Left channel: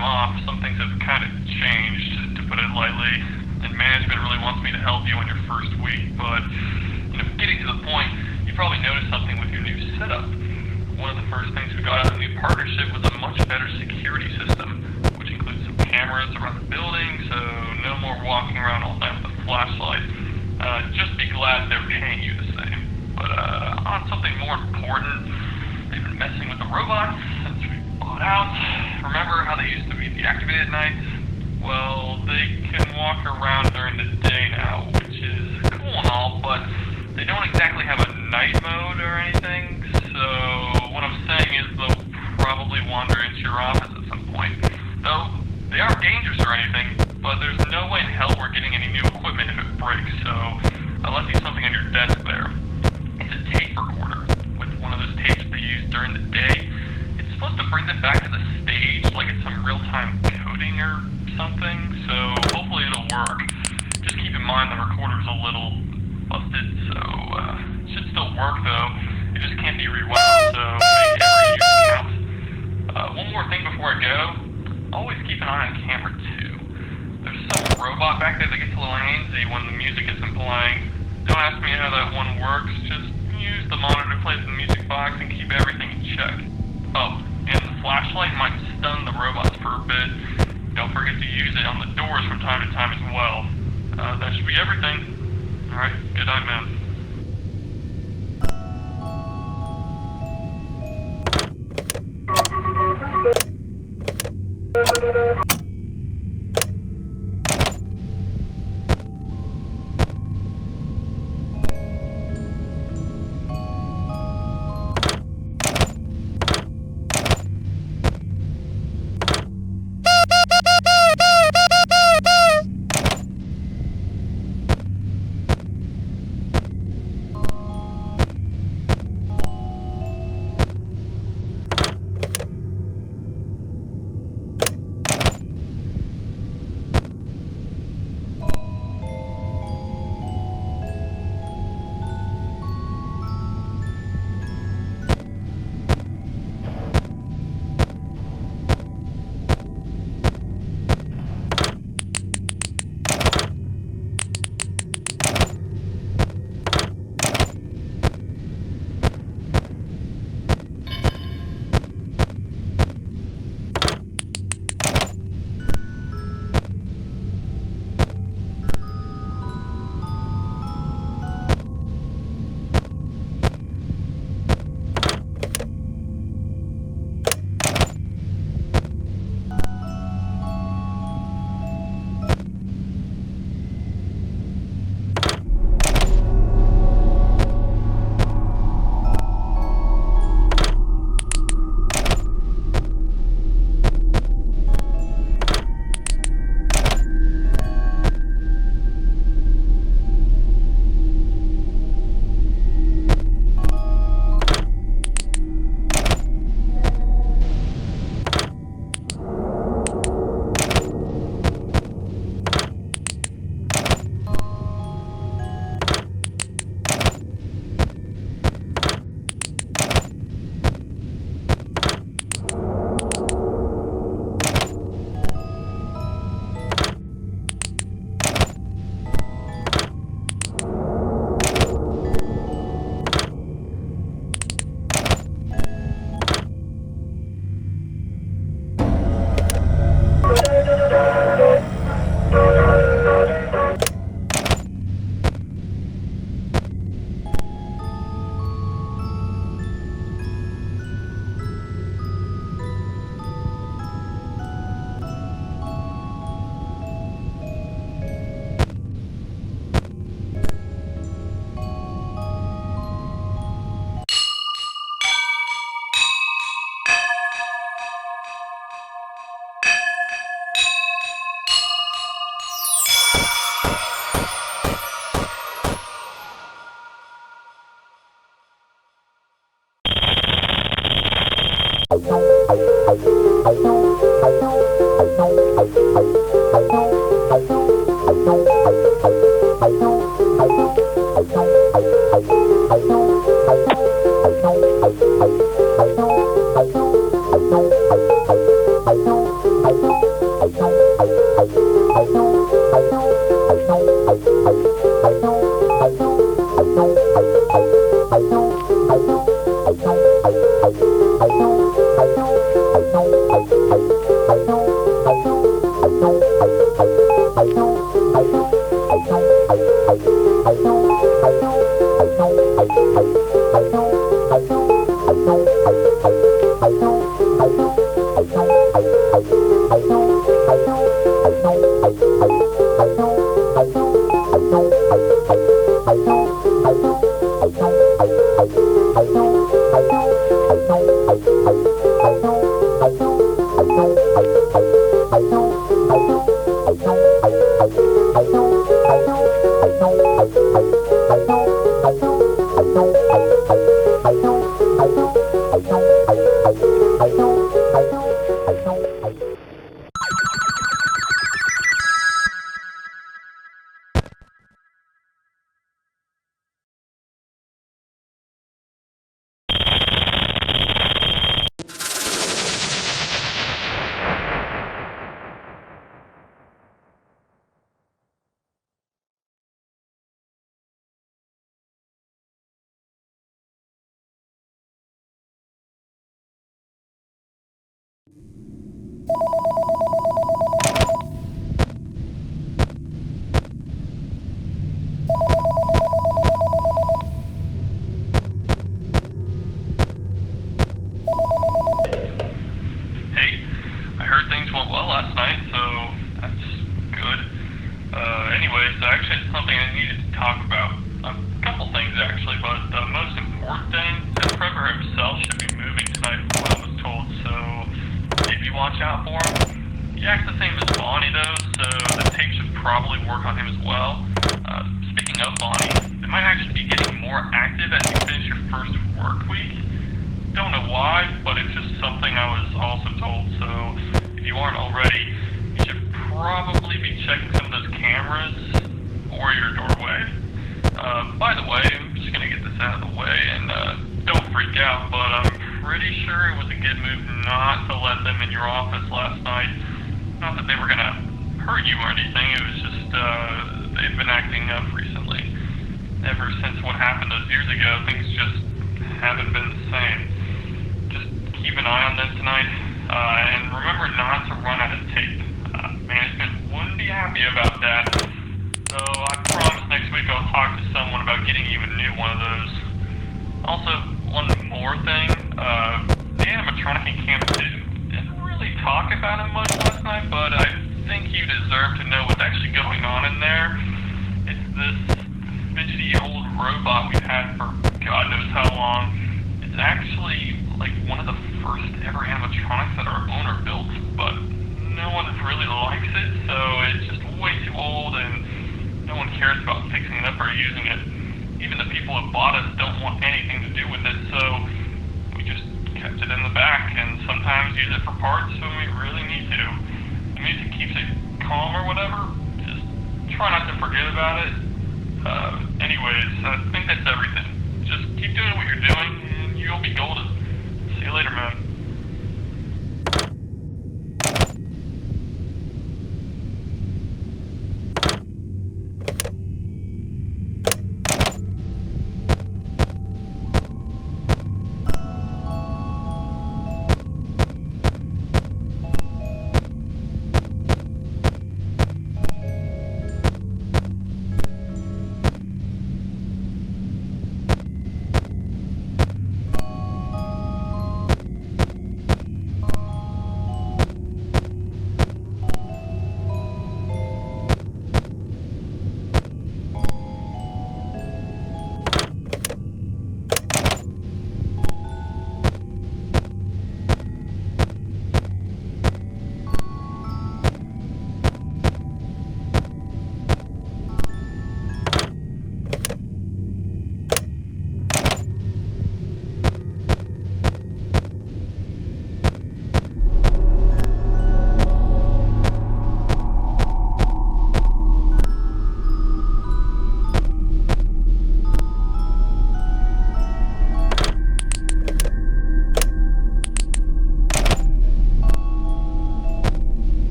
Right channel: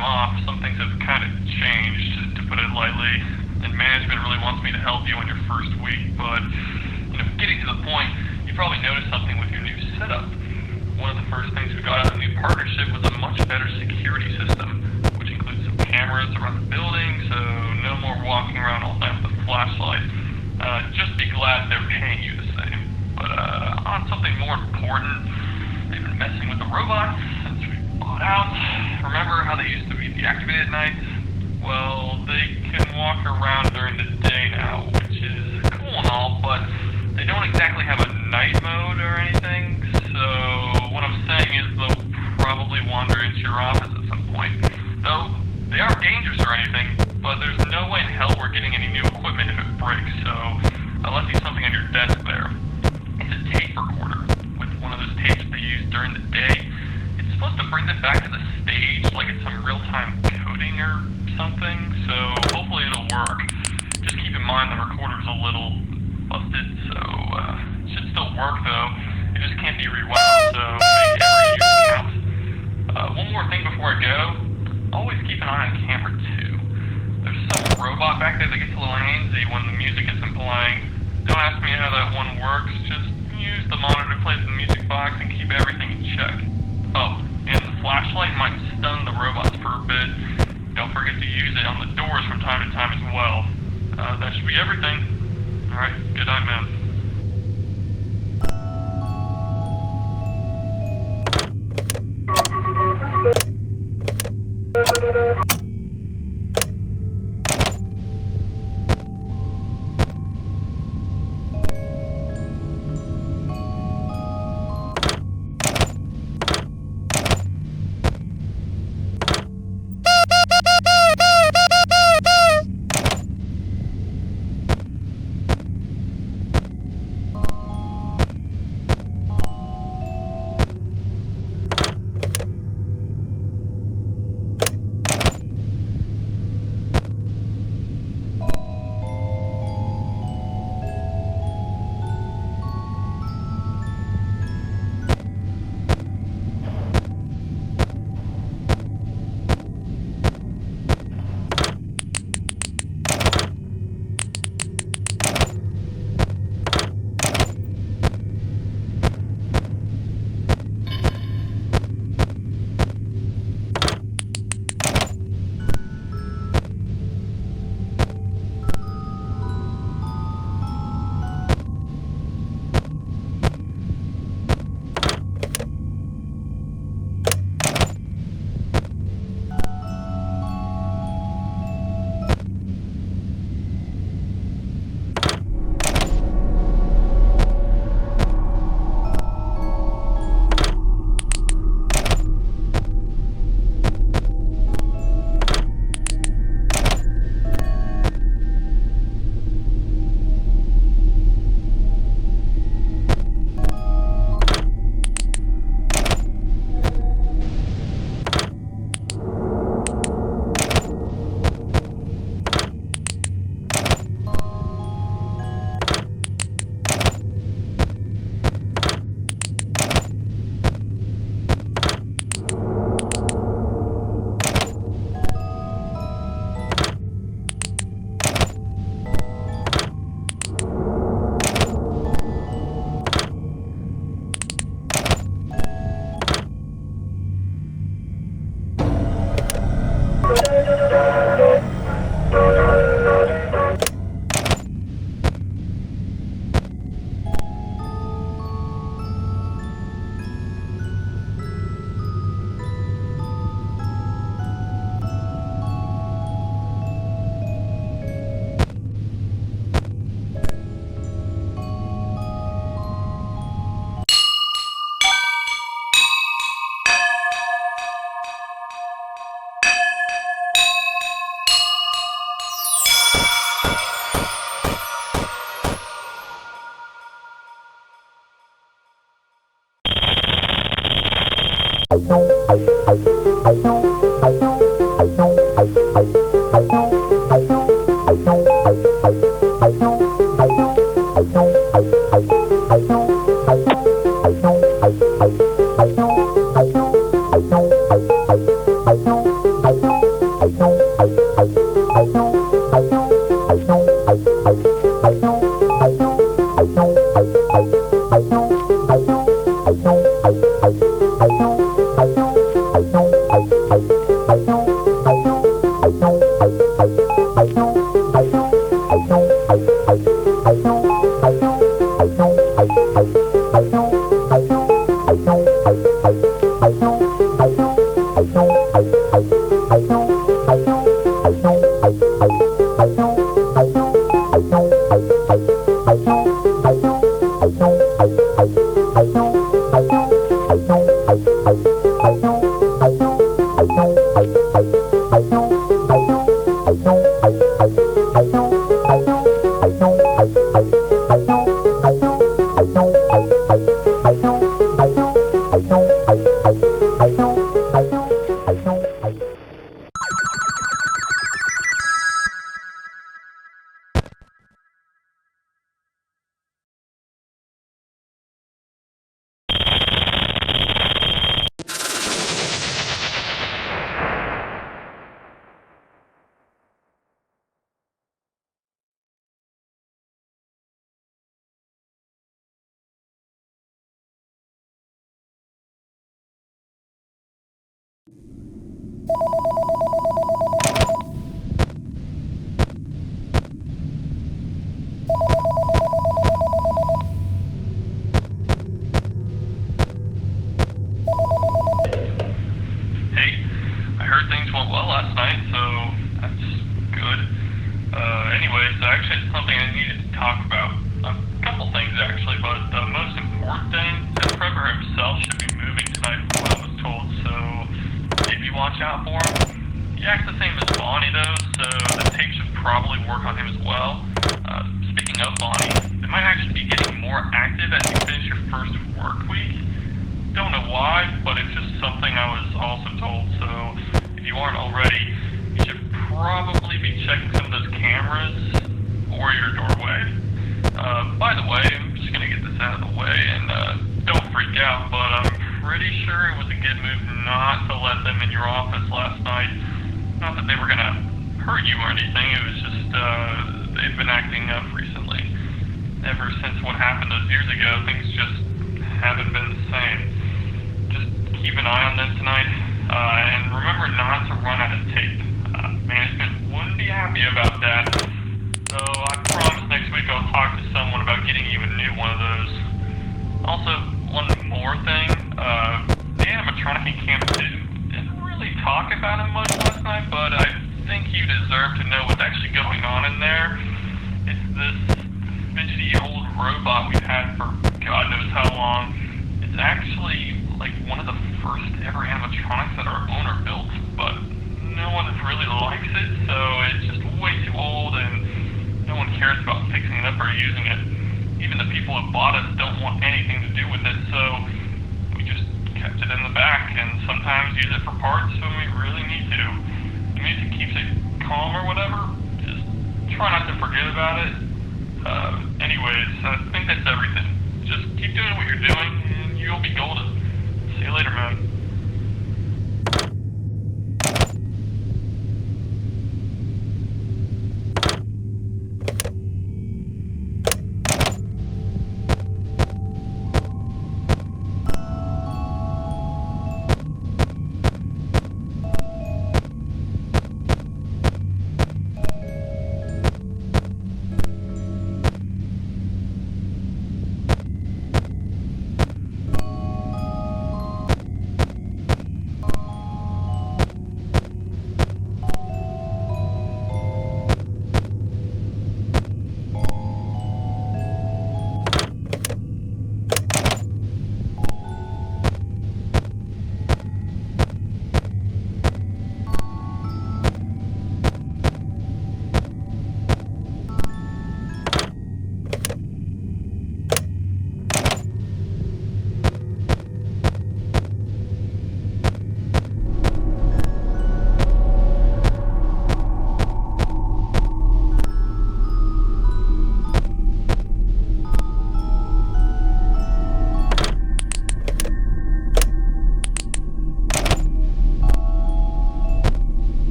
I'm off, some things have kind of changed, to put it lightly, and management really wants me to help you on your first week, but, getting to the point, you probably noticed something with your new setup. One of the first things we got out of the new partnership was a much better security system, which includes some cameras around the building, so no more walking around all night with a flashlight. Just be glad they're paying you the same. But on something more important, they've been messing with the robots since we bought out. Remember how they used to be deactivated at night? Well, they can walk around during the day now, which is cool and all, but they don't exactly have a night mode or anything, so what I'm saying is they'll probably wander into your office at some point. Though, they aren't dangerous or anything, but there's no way in hell we're getting any new equipment if it breaks, so I left you something on your desk there. It's a tape recorder with one of those tapes they use during the day. It's supposed to bring them back to the stage like it's some real-time coding or something, so hopefully it'll work. Just keep in mind the recorder's a little busted, so it should still work though. It just can't be rewound, so make every use count. One more thing before I go, always keep an eye on camera 2. There's some robot back there that gets a little antsy when the music isn't playing. Don't ask me how that one works, just use the monitor to play the music box and keep everything in check. Oh, and the flashlight might stun the robots for a bit. Don't forget to use it on the doors from time to time as well. That should be everything. Alright, good night, man. I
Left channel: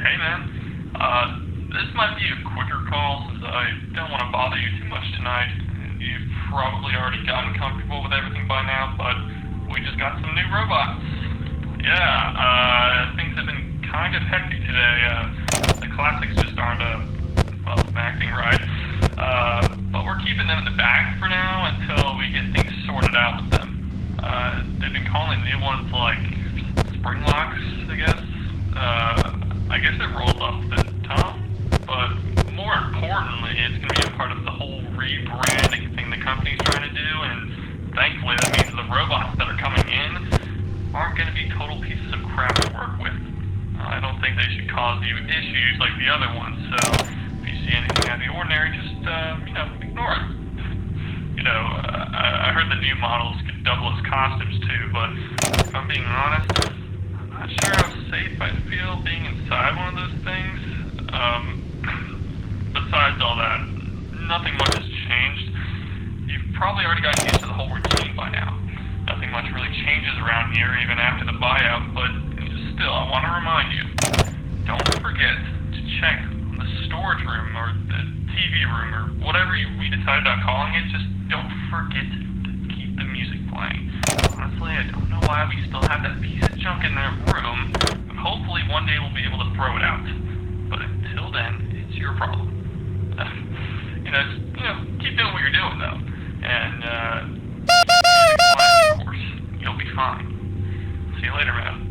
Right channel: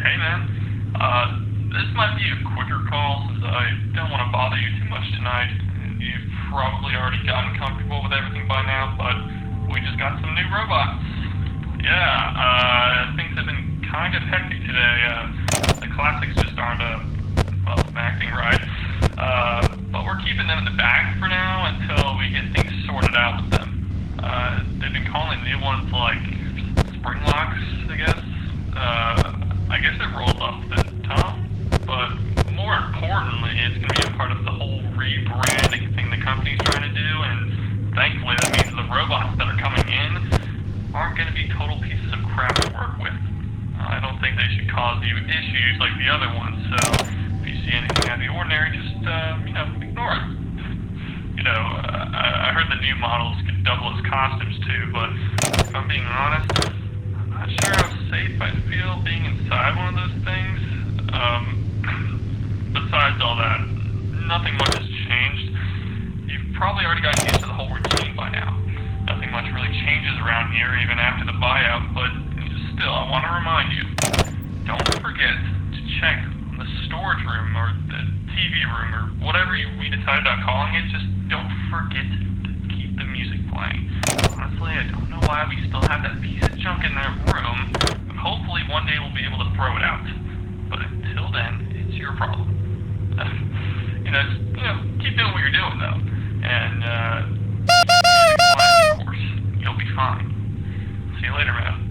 Hey man. This might be a quicker call since I don't want to bother you too much tonight. You've probably already gotten comfortable with everything by now, but we just got some new robots. Yeah, things have been kind of hectic today. The classics just aren't, acting right. But we're keeping them in the bag for now until we get things sorted out with them. They've been calling new ones like spring locks, I guess. I guess it rolls off the tongue, but more importantly, it's going to be a part of the whole rebranding thing the company's trying to do, and thankfully that means the robots that are coming in aren't going to be total pieces of crap to work with. I don't think they should cause you issues like the other ones, so if you see anything out of the ordinary, just, ignore it. I heard the new models could double as costumes too, but if I'm being honest, I'm not sure how safe I feel being inside one of those things. Besides all that, nothing much has changed. You've probably already gotten used to the whole routine by now. Nothing much really changes around here even after the buyout, but still, I want to remind you, don't forget to check the storage room or the TV room or whatever we decided on calling it. Just don't forget to keep the music playing. Honestly, I don't know why we still have that piece of junk in that room, but hopefully one day we'll be able to throw it out. But until then, it's your problem. Keep doing what you're doing though, and of course, you'll be fine. See you later, man.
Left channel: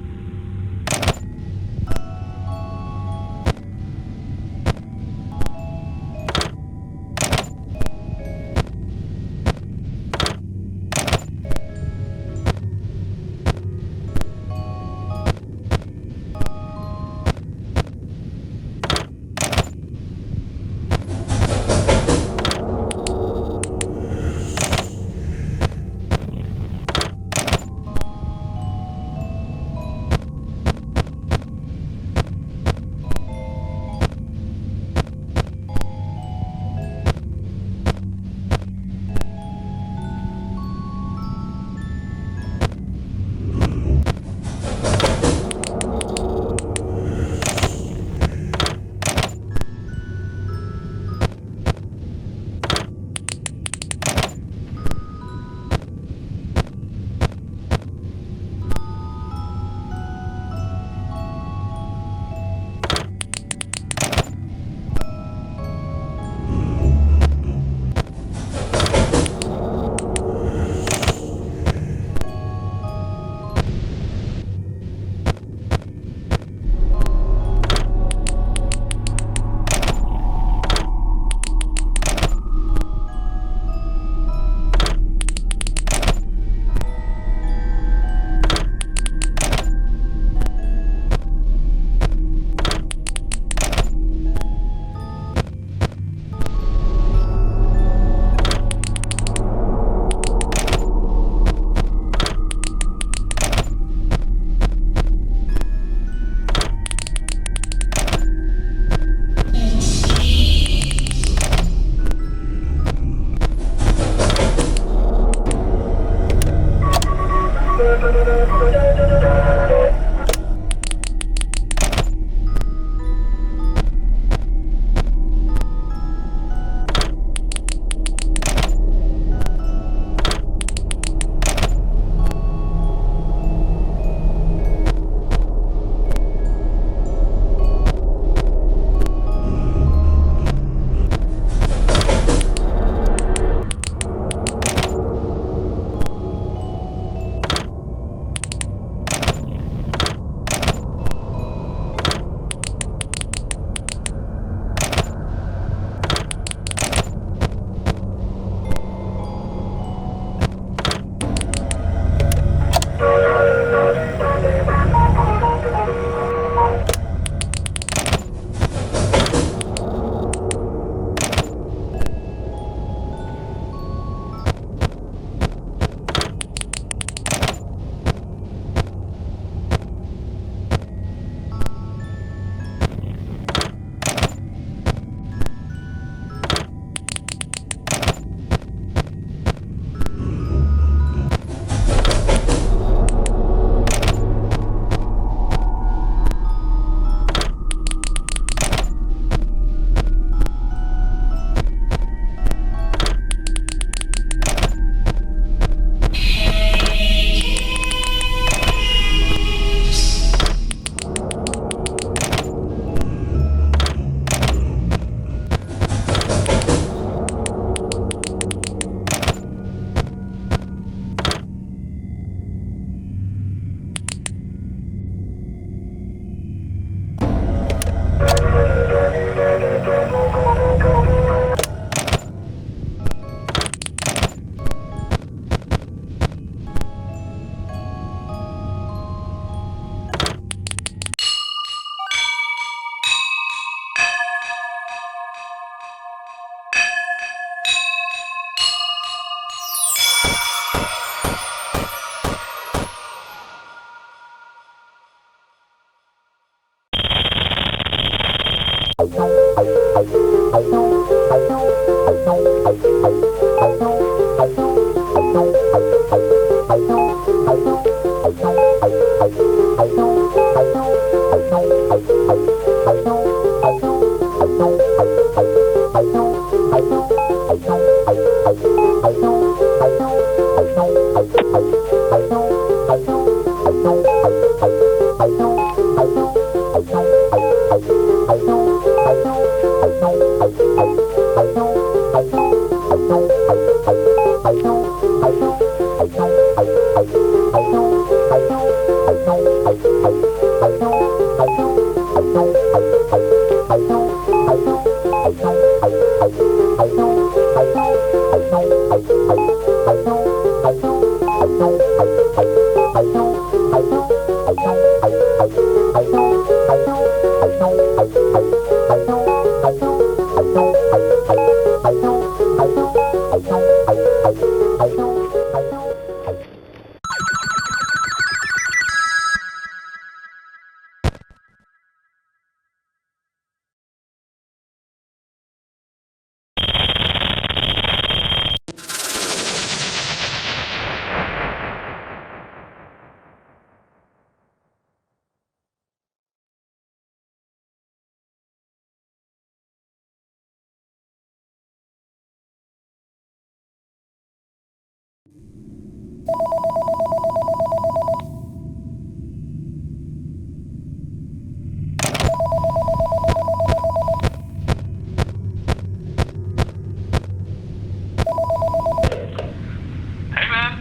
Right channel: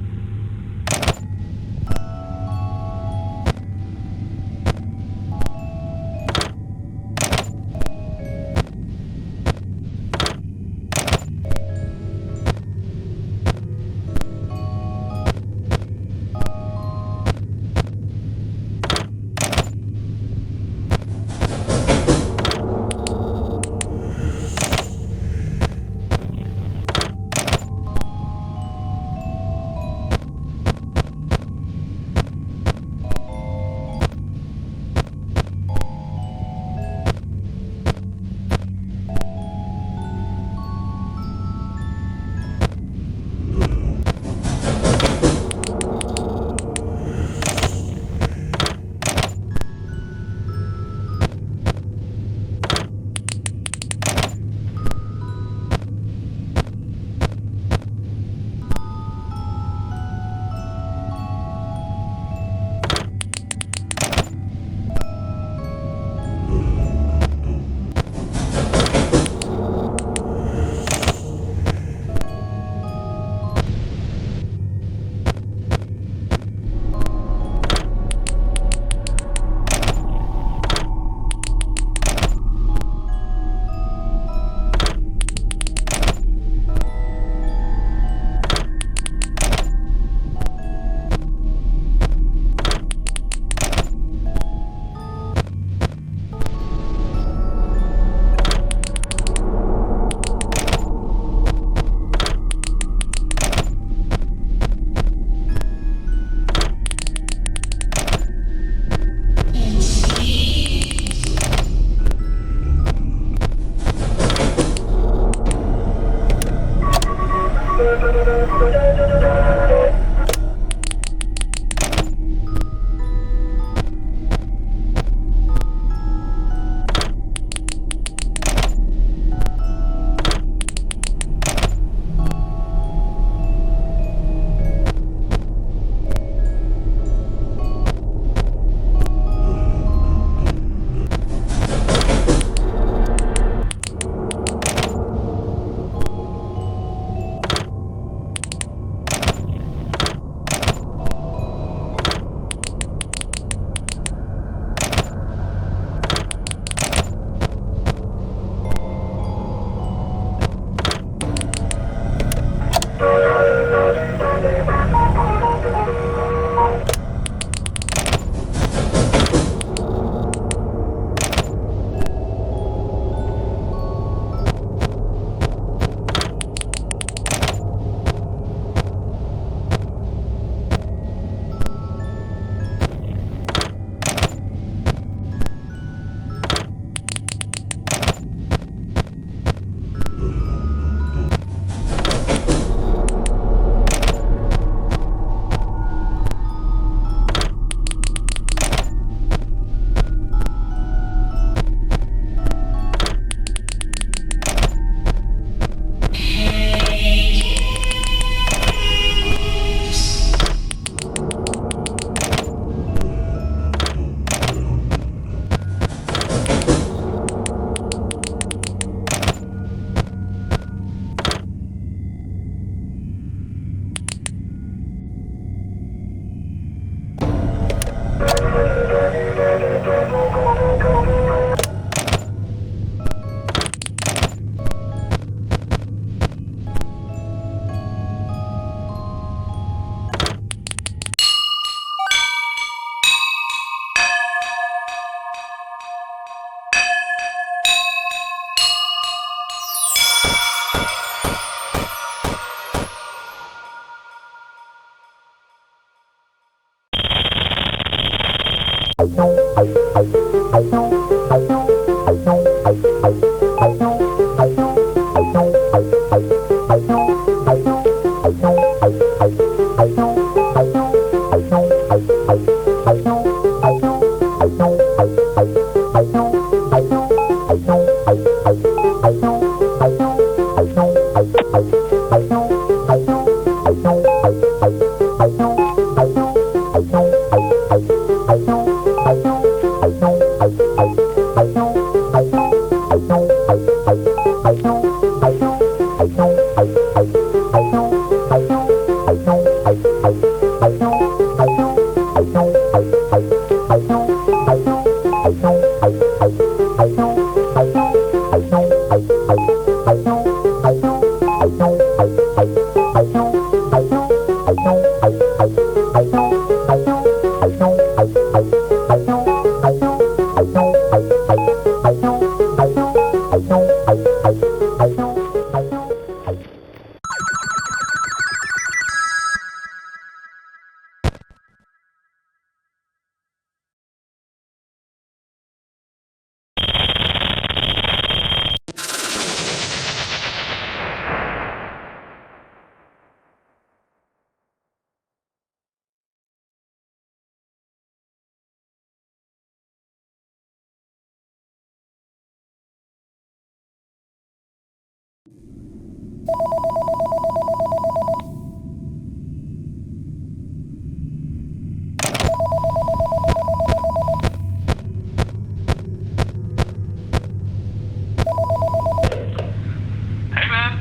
Hey man,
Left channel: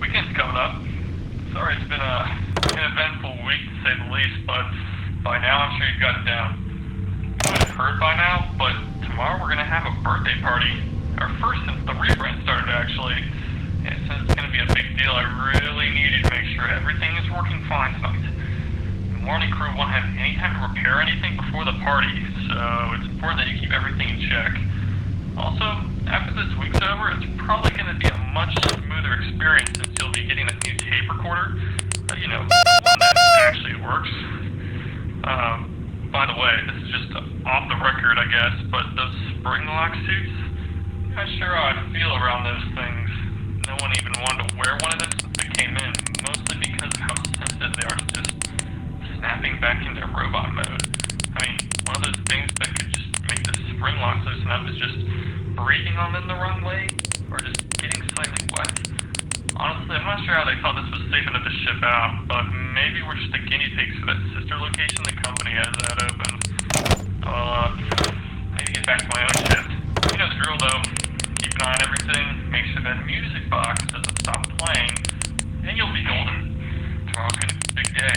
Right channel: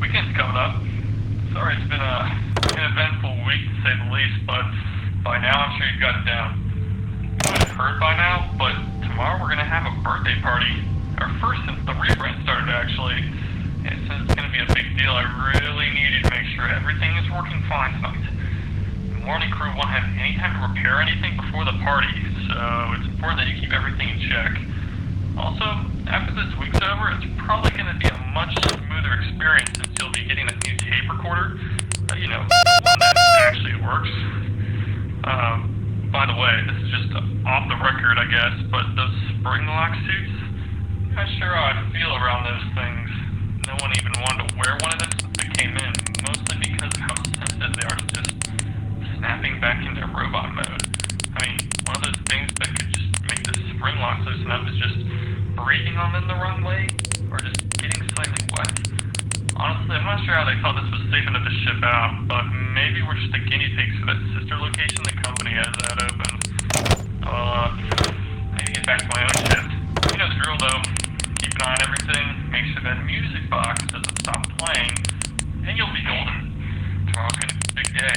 weekend's coming up. Sorry it's been an eventful week to say the least, but by now I'm sure you've got it down. You might have heard by now, but tomorrow we're gonna have a birthday party. Our first since the rebrand started actually. And since it's gonna be a big deal, I really needed to make sure everything is working fine tonight. The morning crew won't have any time to repair anything before the party, so it's important that you keep everything in check. Also, after this week's over, it's probably going to be a much smoother experience since you'll be getting a new tape recorder. One that actually works. By the way, this is just off the record, I guess, but those spring lock suits, I'm not sure how I feel around those things. No one even wanted to wear one of them since they came in, mostly because of how sensitive they are to just snapping back into robot mode. I mean, one of those things that could just make the spring locks loosen up is just breathing on them the wrong way, or just getting slightly wet. Honestly, I'm not sure how they thought this was safe enough to ship out, but maybe we're just the guinea pigs for that sister location the company has that open. I need to get back to my own shift. You know the drill though. Keep an eye on everything, make sure that music box doesn't stop playing, and you'll be golden. Tomorrow's gonna be a big day.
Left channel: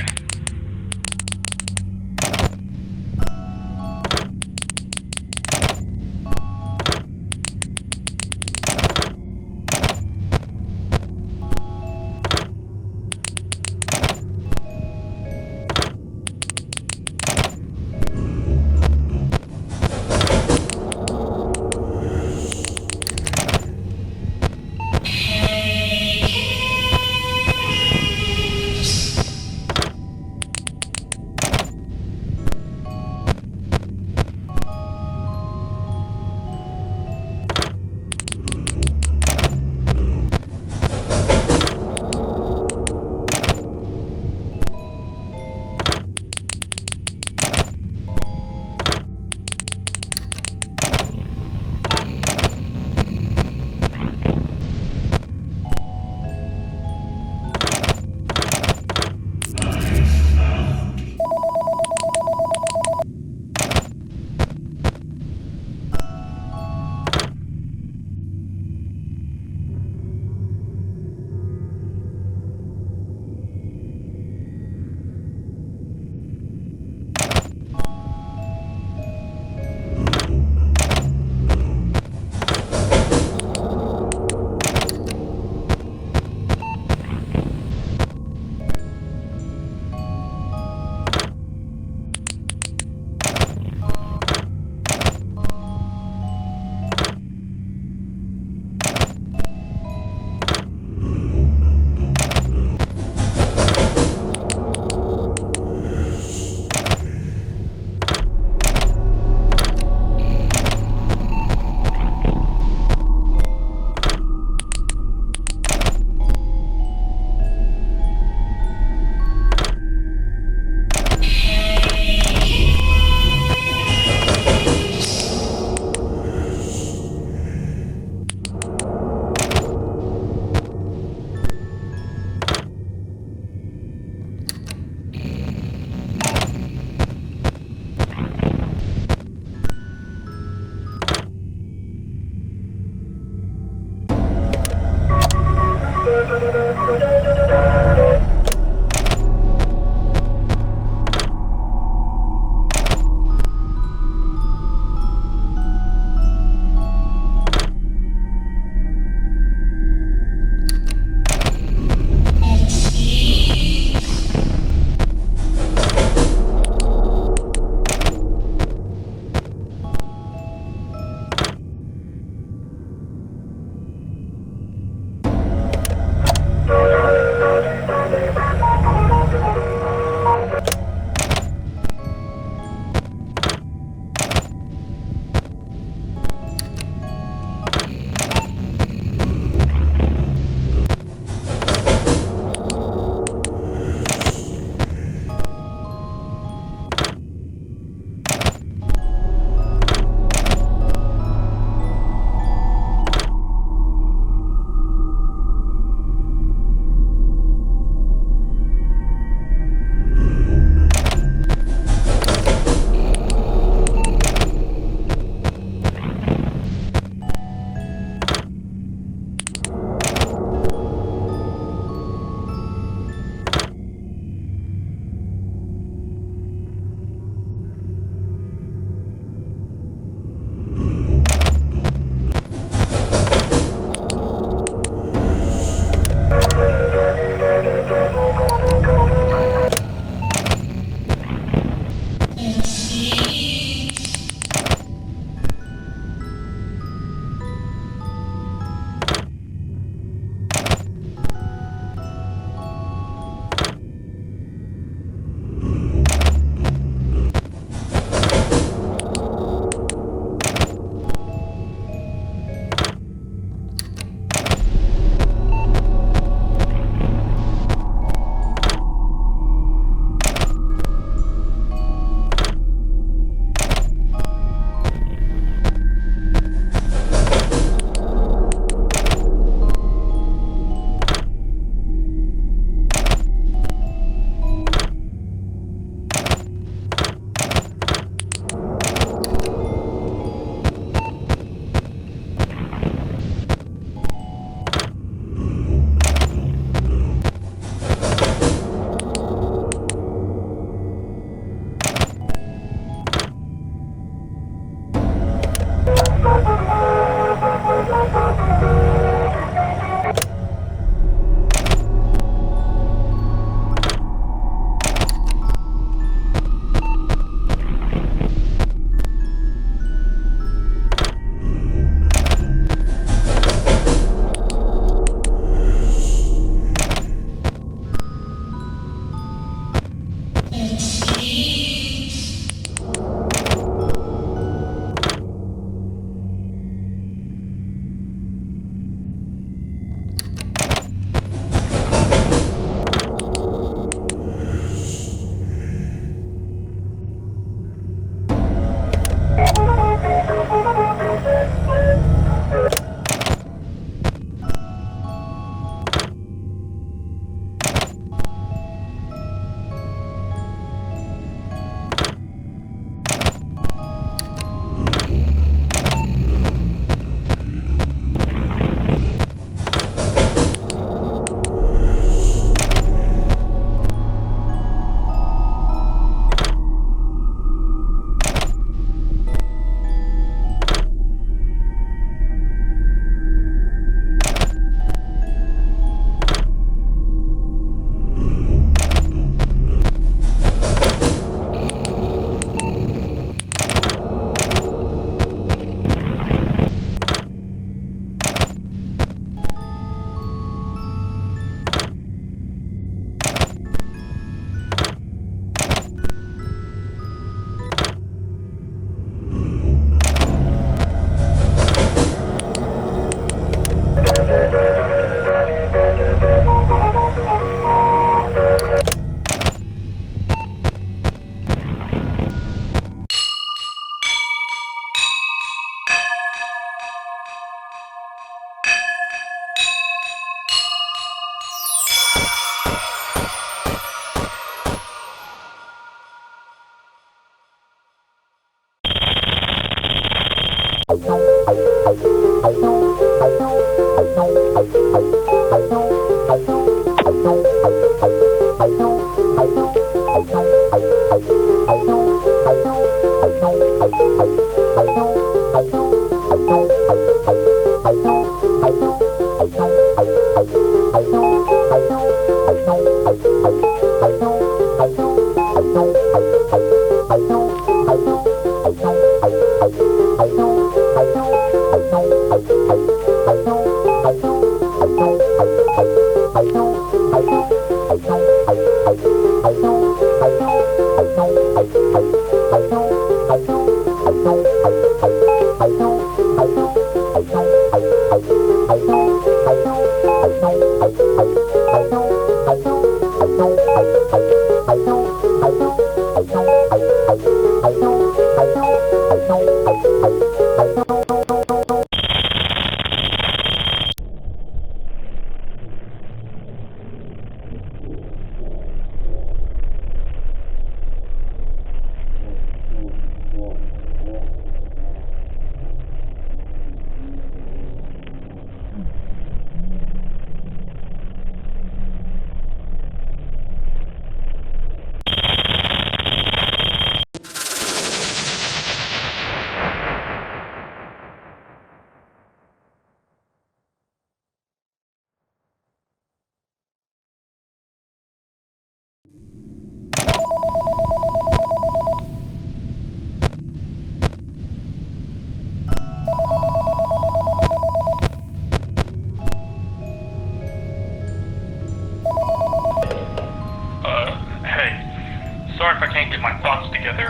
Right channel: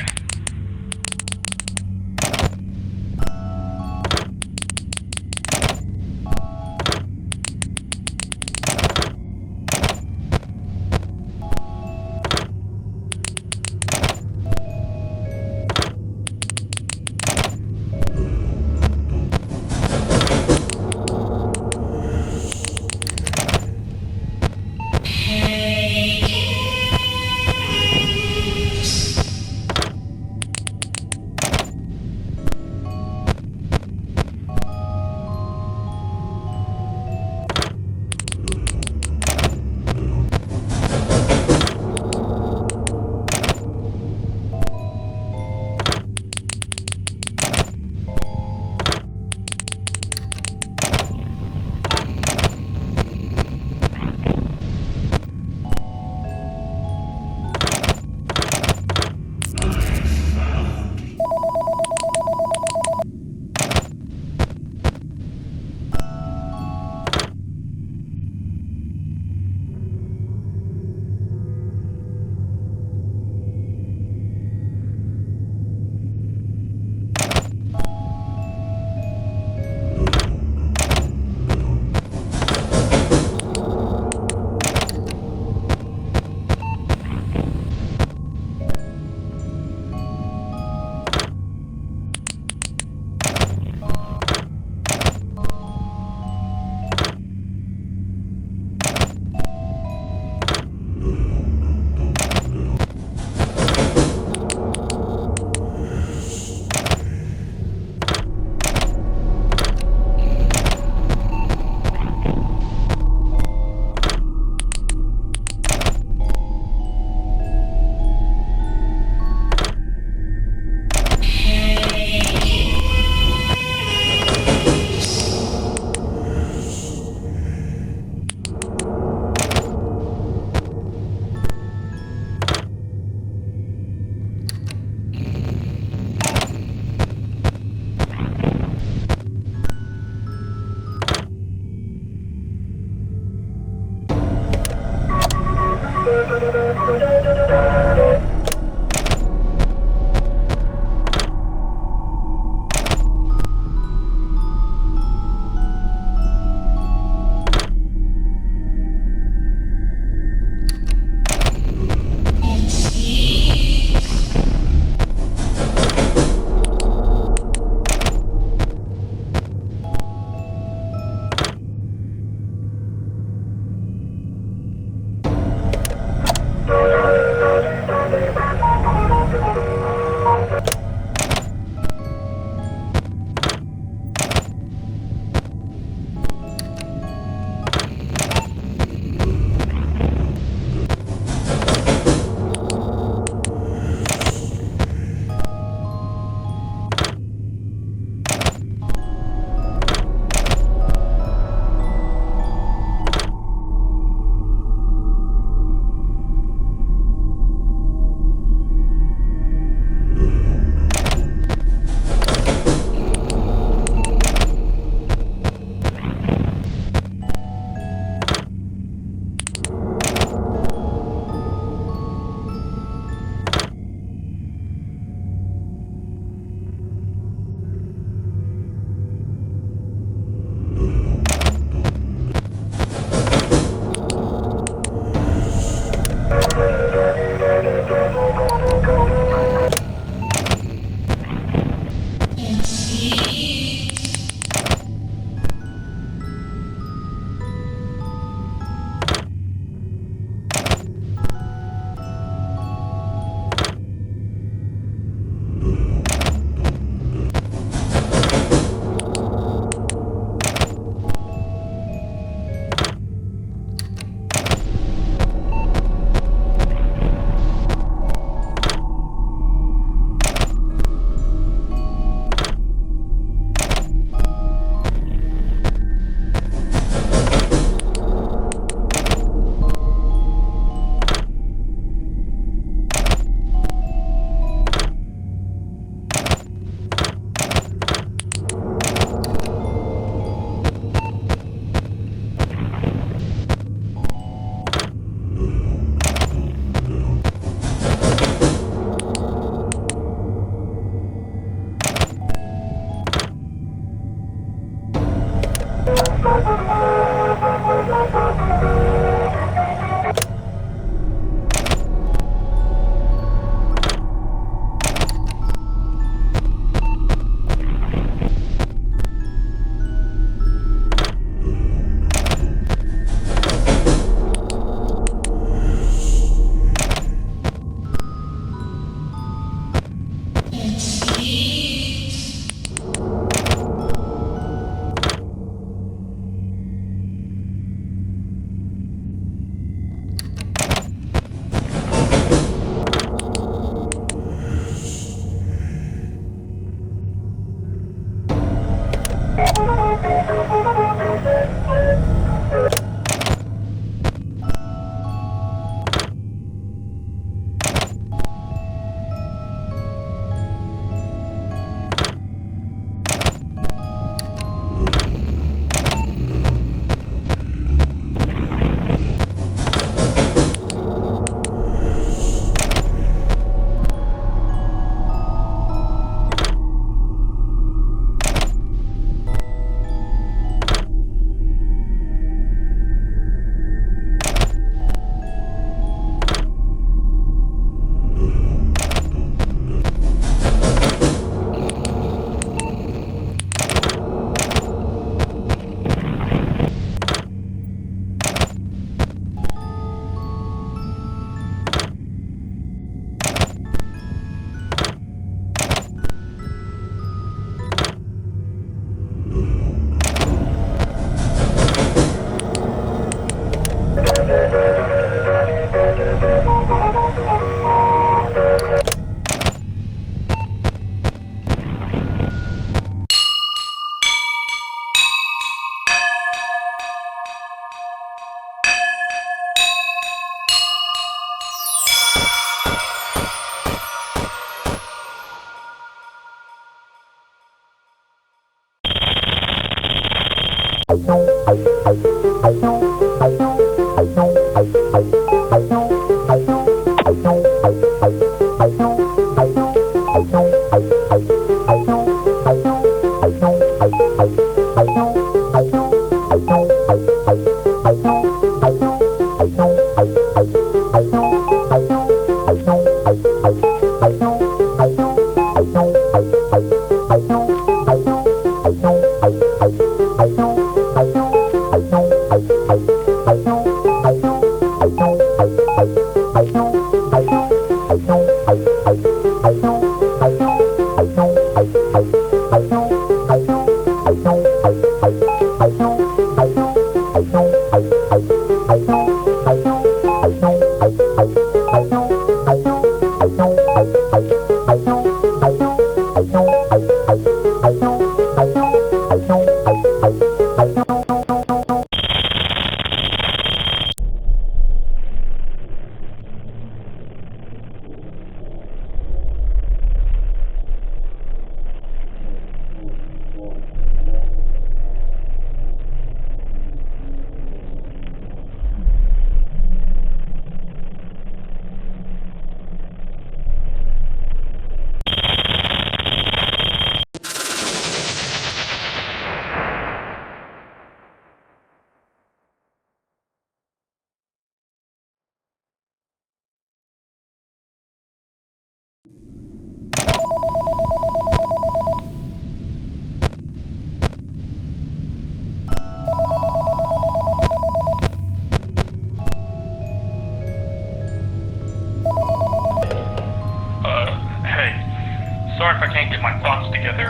Sorry if I can't get my thoughts together.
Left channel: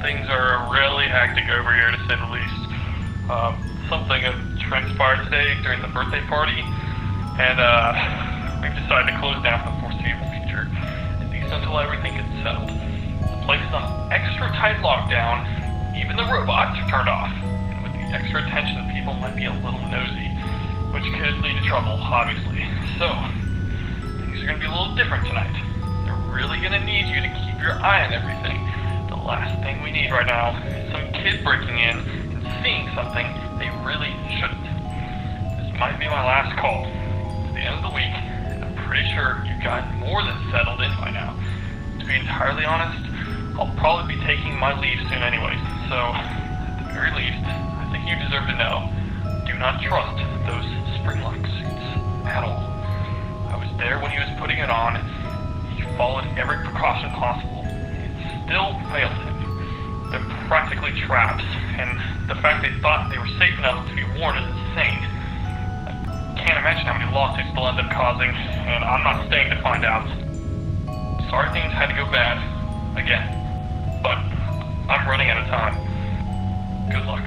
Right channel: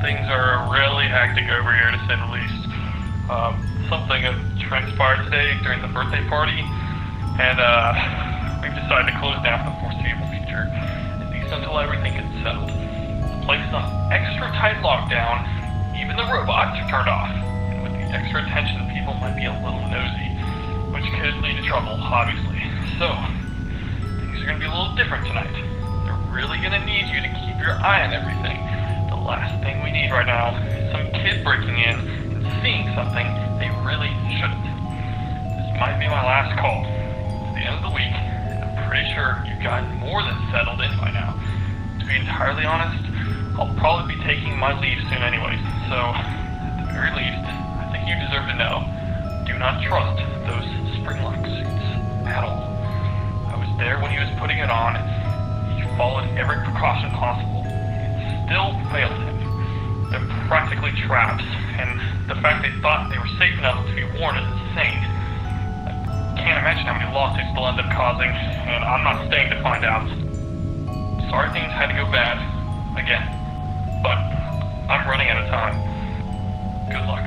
Things are really hectic over here, to say the least. Something transpired today during the birthday party, and we've decided to close down for the foreseeable future, at least until everything gets settled. The place is on extra tight lockdown. Even the robots are turned off, and with the extra attention, people might be a little nosy, which could lead to trouble, obviously. So, things are going to be a little different tonight. Really gonna need you to keep your eye on everything. The last thing we need right now is some kid breaking in and seeing something they really shouldn't. This might be my last call. It's the end of the week, and I'm pretty sure you've gotten more than settled in by now. To be entirely honest, I'll probably be taking my leave soon anyways, so at the very least, I think you deserve to know. Do not trust those spring-lock suits at all. I was there when he was putting it on. Followed every precaution possible. It still failed him. They're practically traps, and the fact they thought they were safe enough to be worn is insane. I can't imagine how many lawsuits they'll end up causing, and I'm not staying to find out. Sorry things had to go bad, again, but I'm running out of time. Good luck.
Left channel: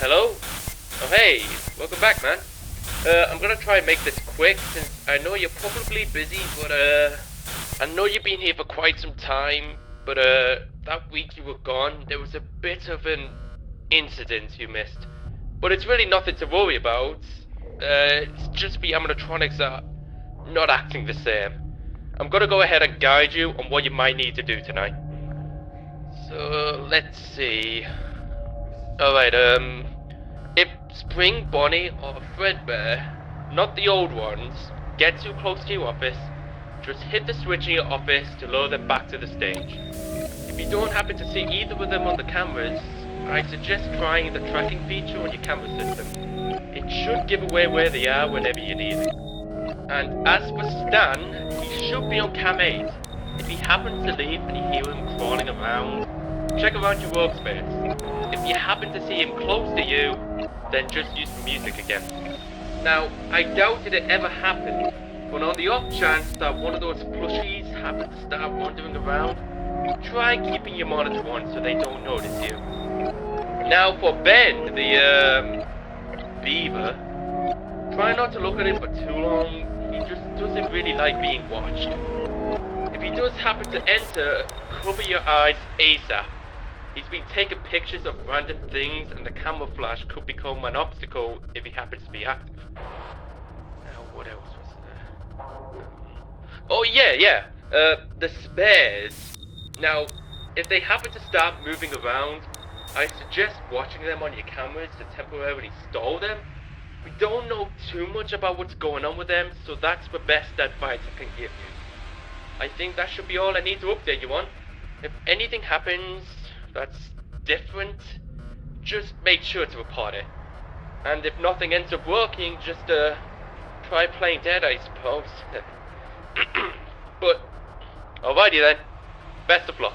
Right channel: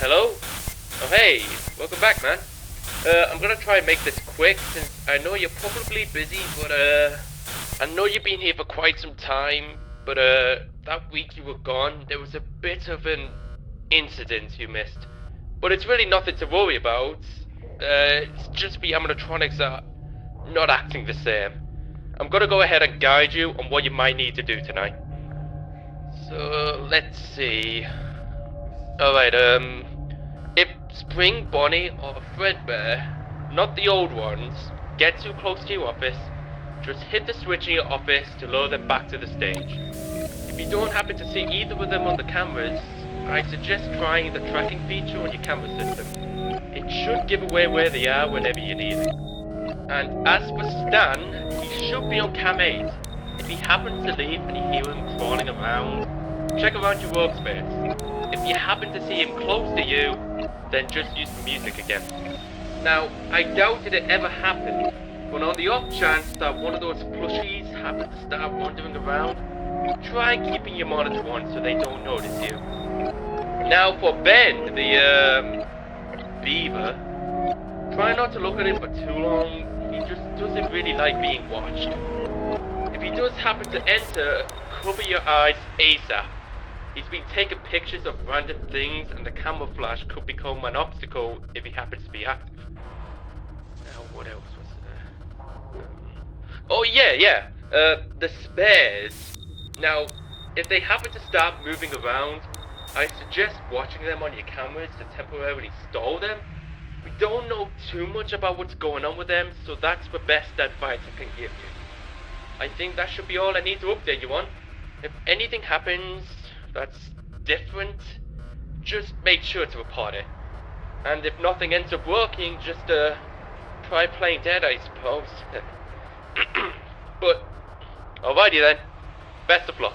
Hello? Oh, hey, welcome back, man. I'm gonna try and make this quick, since I know you're probably busy, but, I know you've been here for quite some time, but, that week you were gone, there was a bit of an incident you missed. But it's really nothing to worry about. It's just the animatronics are not acting the same. I'm gonna go ahead and guide you on what you might need to do tonight. So, let's see. Alright, if Spring, Bonnie, or Fredbear, not the old ones, get too close to your office, just hit the switch in your office to lure them back to the stage. If you don't happen to see either of them on the cameras, I suggest trying the tracking feature on your camera system. It should give away where they are whenever you need it. And as for Stan, he should be on cam 8. If he happens to leave and you hear him crawling around, check around your workspace. If you happen to see him close to you, then just use the music again. Now, I doubt it ever happened, but on the off chance that one of those plushies happens to start wandering around, try keeping your monitor on so they don't notice you. Now for Ben, the beaver, try not to look at him for too long. He just doesn't really like being watched. If he does happen to enter, cover your eyes ASAP. He's been taking pictures of random things, and the camera flash could become an obstacle if he happens to be active. Now, what else was there? Oh yeah, the spares. Now, if they happen to start moving around, I suggest watching them on your cameras to temporarily stall them. We don't know too much about what's going on with them, so that's the best advice I can give you. I think that should be all I need to update you on. If anything happens that's different, just make sure to report it. And if nothing ends up working, just try playing dead, I suppose. But, alrighty then. Best of luck.